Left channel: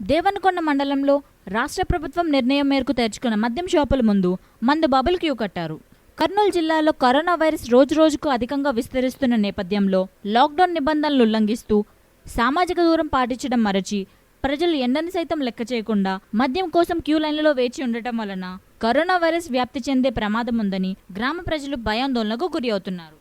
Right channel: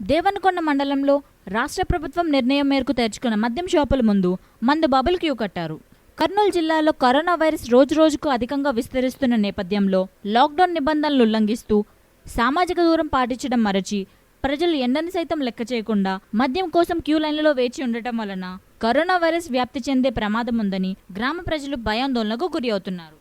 దేవనకొండ మండలంలో రాష్ట్ర ప్రభుత్వం నిర్ణయం మేరకు తెరుచుకున్న మద్యం షాపుల ముందు మందు బబుల్ క్యూ కట్టారు. కర్నూలు జిల్లాలో కరోనా వైరస్ రోజురోజుకు అధికంగా విస్తరిస్తున్న నేపథ్యంలో లాక్డౌన్ నిబంధనలు ఉల్లంఘిస్తూ సామాజిక దూరం పాటించడం మరచి ప్రజలు ఎండని సైతం లెక్క చేయకుండా మద్యం కోసం క్యూ లైన్లలో వేచి ఉండటం వలన కరోనా వైరస్ వ్యాప్తి చెందే ప్రమాదం ఉందని గ్రామ ప్రజలు భయాందోళనకు గురి అవుతున్నారు.